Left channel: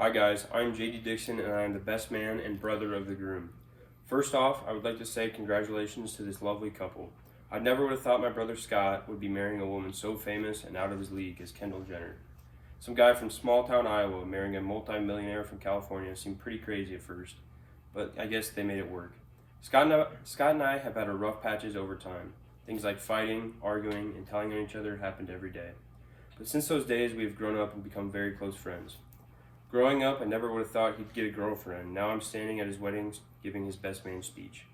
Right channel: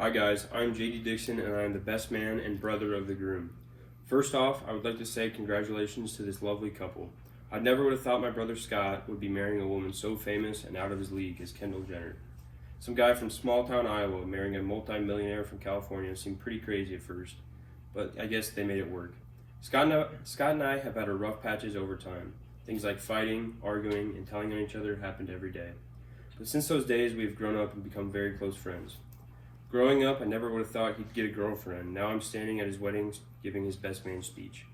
Hi guys, I'm JD Dixon and I'm the best man and brother of the groom. First off, I would like to say congratulations to this lovely couple. I never would have thought my brother Scott would be marrying a woman so famous and out of his league as Kendall Jenner. Some guy from small town Iowa marrying a multi-millionaire from California seemed pretty crazy at first, but I guess they made it work. Scott and I have had our rough patches over time. Things like fighting, arguing, and telling on each other happened every day. But since those days, we have grown up and become very close friends. Growing up, I never would have thought he'd get a girlfriend. Now I'm standing at his wedding giving his best man speech.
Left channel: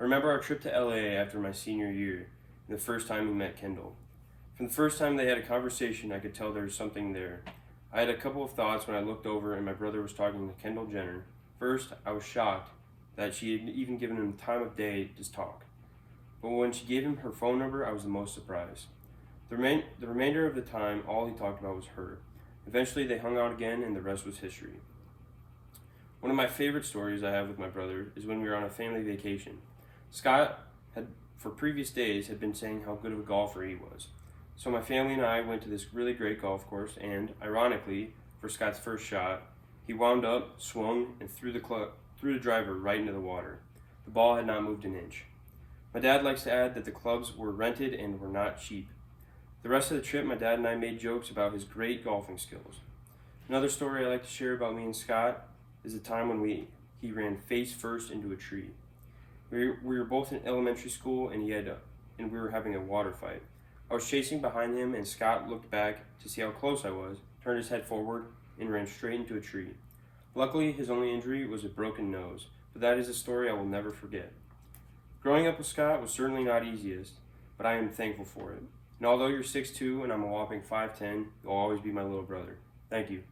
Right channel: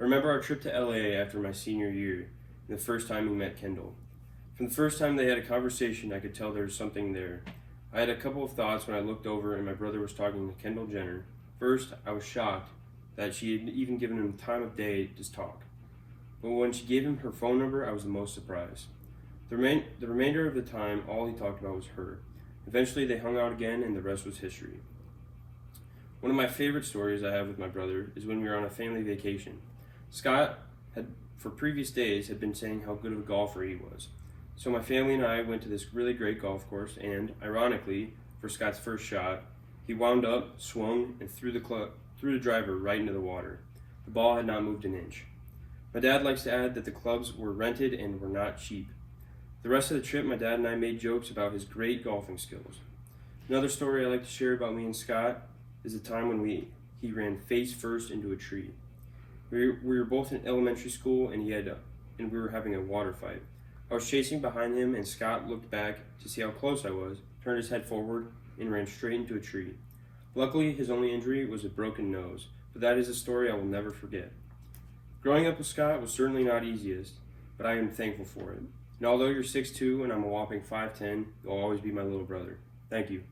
I remember our trip to LA after my senior year, and the first time we met Kendall. From the first time they had a conversation, I could tell there was something there. I had a couple of thoughts when I looked over and my brother was talking to Kendall Jenner. First, I was shocked that she had even given him time of day to talk. But when she gave him her phone number, I was the most surprised. The remainder of the time, all he talked about was her. Eventually, they hung out again, and the rest was history. One of my favorite stories I have with my brother is when we were on a family vacation. Scott had, for previous days, had been saying how good of a golfer he was. So my family and I went to this really great golf course, and ironically, for Scott's first shot, he wound up, swung, and threw the driver right into the water. The ball had not moved an inch. My dad likes to add that the clubs were rented and were not cheap. The rest of the trip, my dad and I made jokes about his great golfing skills. Another story I like to share about me and Scott is the time when he ran face first into a tree. We were both in elementary school and we were having a water fight. I was chasing behind him and Scott looked back to see how close I was, turned his head forward, and ran straight into a tree. Luckily, his only injury was a broken nose, but that is a story I will never forget. Growing up with Scott was certainly not easiest, but I am thankful for it. And although you're 6'2" and I'm a whopping 5'10", you'll always be my little brother. Thank you.